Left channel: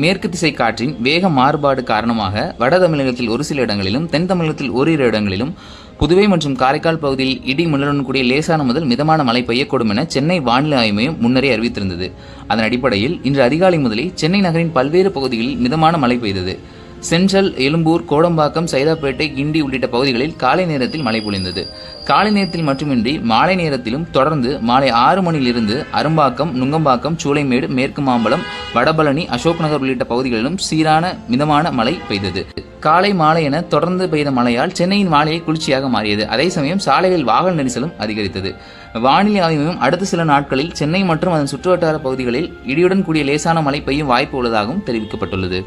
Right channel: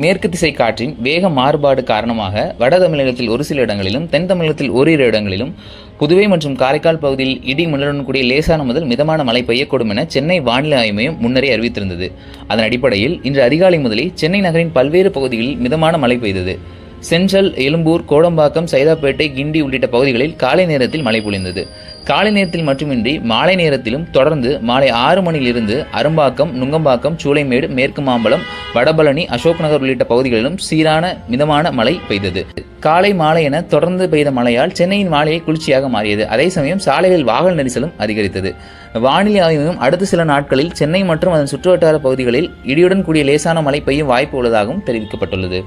மேற்கு திசை காற்றின் வேக மாறுபாடு காரணமாக வட தமிழகத்தில் ஒரு சில இடங்களிலும் தென் தமிழகத்தில் ஓரிரு இடங்களிலும் புதுவை மற்றும் காரைக்கால் பகுதியில் இடி மின்னலுடன் கூடிய லேசான முதல் மிதமான மழை பெய்யக்கூடும் என சென்னை வானிலை ஆய்வு மையம் முன்னரே அறிவித்திருந்தது. அதன் அடிப்படையில் இன்று அதிகாலை முதலே சென்னை நகரின் பல்வேறு பகுதிகளில் மிதமான மழை பெய்தது. சென்ட்ரல், எழும்பூர், கோடம்பாக்கம், சைதாப்பேட்டை, கிண்டி உள்ளிட்ட பகுதிகளில் காலை நேரத்தில் மழை பொழிந்தது. காலை நேரத்தில் மட்டுமின்றி மாலை நேரத்திலும் தொடர்ந்து மாலை 6 மணியிலிருந்து அரும்பாக்கம், நுங்கம்பாக்கம், சூளைமேடு, மேற்கு மாம்பலம், வடபழனி, அசோக் நகர் உள்ளிட்ட பகுதிகளிலும் சீரான மிதமான மழை பெய்தது. காலை மாலை என தொடர்ந்து பெய்த மழையால் சென்னையின் வானிலை குளிர்ச்சியாக மாறியது. அதே சமயம் சாலைகளில் வாகன நெரிசலும் அதிகரித்தது. வானிலை ஆய்வு மையம் அடுத்த சில நாட்களில் சென்னை மற்றும் அதன் சுற்றுவட்டார பகுதிகளில் இடியுடன் கூடிய லேசான மழை பெய்யும் வாய்ப்பு உள்ளதாகவும் தெரிவிக்கப்பட்டுள்ளது.